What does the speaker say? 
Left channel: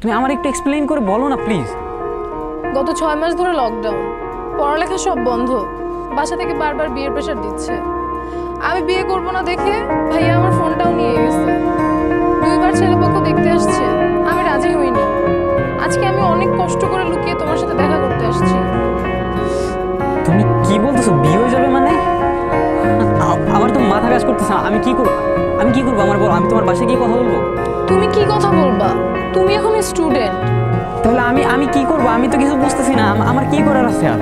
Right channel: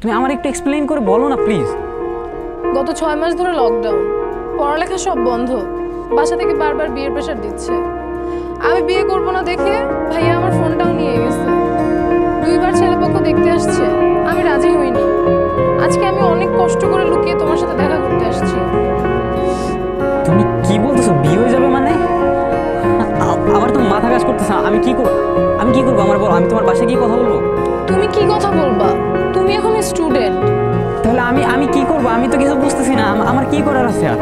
তুমি আমার একটু এক্সপ্লেইন করে বলো না প্লিজ। গত 6 মাস ধরে লকডাউন, পড়ালেখা সব বন্ধ, বাসা থেকে বারবার বিয়ের প্রেশার দিচ্ছে। আমি বিয়ে করব না দেখে ভাইয়া আমার ফোনটাও নিয়ে গেছে। 2বার ছেলেপক্ষ দেখতে আসছে, আমি রাজি হইনি। আজকে আমি অনেক কষ্ট করে লুকিয়ে তোমার সাথে দেখা করতে আসছি। তুমি কি বলতেছো, বিয়ে হয়ে যাবে মানে? আমার তো মাথা কাজ করতেছে না। আমি কি করবো আমার বলো, আমি তোমার বাসায় গিয়ে কথা বলবো? তুমি কি কথা বলবা? তুমি এখন স্টুডেন্ট। তাহলে আমি কি করবো? আমি তো কিছু বুঝতেছি না, আমার কি করার আছে আর?